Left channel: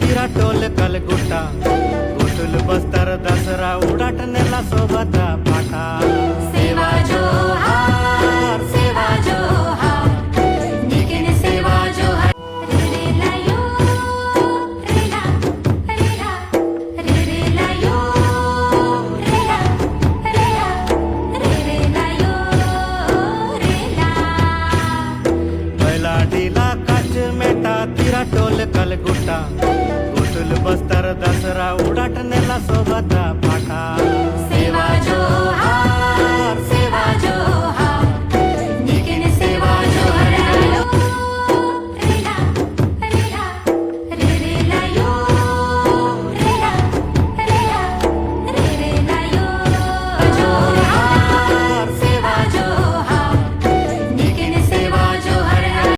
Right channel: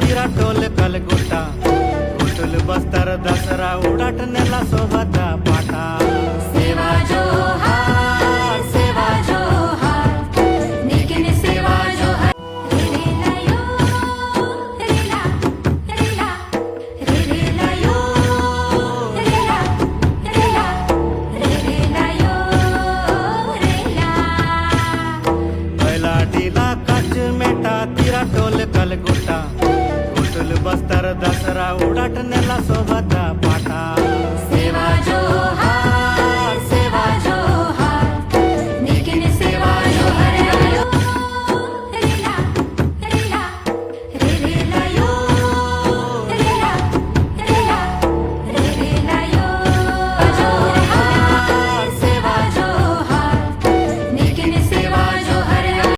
तीरा टोल कलगुट्टा गोटुल बस्तर दसरा उड़ाट नेला सोबता पाटा सेवा जोहार निखिल सेवा जोहार बैलाडीला काच मेटा तीरा टोल कलगुट्टा गोटुल बस्तर दसरा उड़ाट नेला सोबता पाटा सेवा जो